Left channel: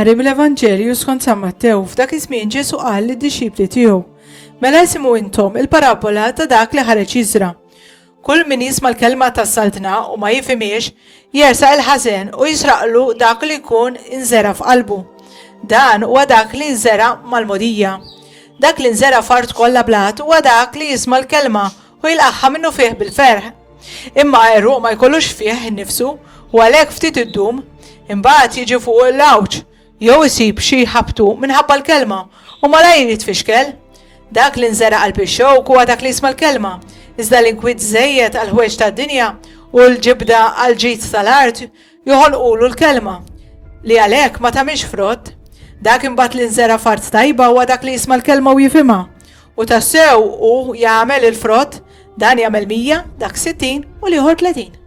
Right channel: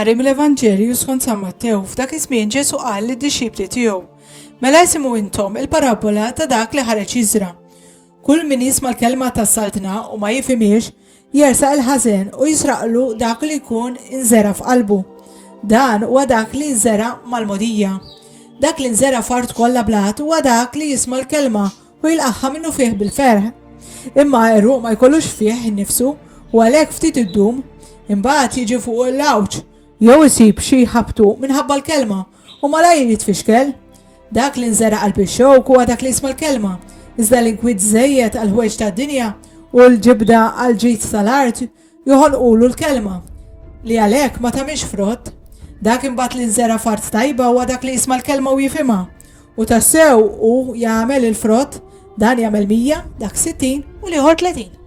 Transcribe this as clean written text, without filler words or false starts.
Qari mill-Evanġelju skont San Mattew f'dak iż-żmien Ġesu qal lid-dixxipli tiegħu: Mela isimgħu intom il-parabola ta' dak li ħareġ jiżra. Kull min jisma' l-kelma tas-saltna u ma jifhimiex jersaq il-ħażen u jisraqlu dak li jkun inżera f'qalbu. Dan huwa dak li nżera mal-mogħdija. Dak li nżera f'art kollha blat huwa dak li jisma' l-kelma u jilqaħħa minnu fih bil-ferħ. Imma għeruq ma jkollux fih innifsu u għalhekk ftit iddum imbagħad jiġi fuq il-lawġ jew isib xi ħabtu minħabba l-kelma u malajr jitfixkel. Dak li nżera qalb ix-xewk huwa dak li jisma' l-kelma, iżda l-inkwiet żejjed għal ħwejġ tad-dinja u l-ġibda għal ġid tal-art joħolqulu l-kelma li għalhekk ma tagħmilx frott. Dak imbagħad li nżera f'art tajba huwa dak li jisma' l-kelma u jifhimha u tassew u jagħmel il-frott, dan jagħmel 100, dak 60 u l-ieħor 30.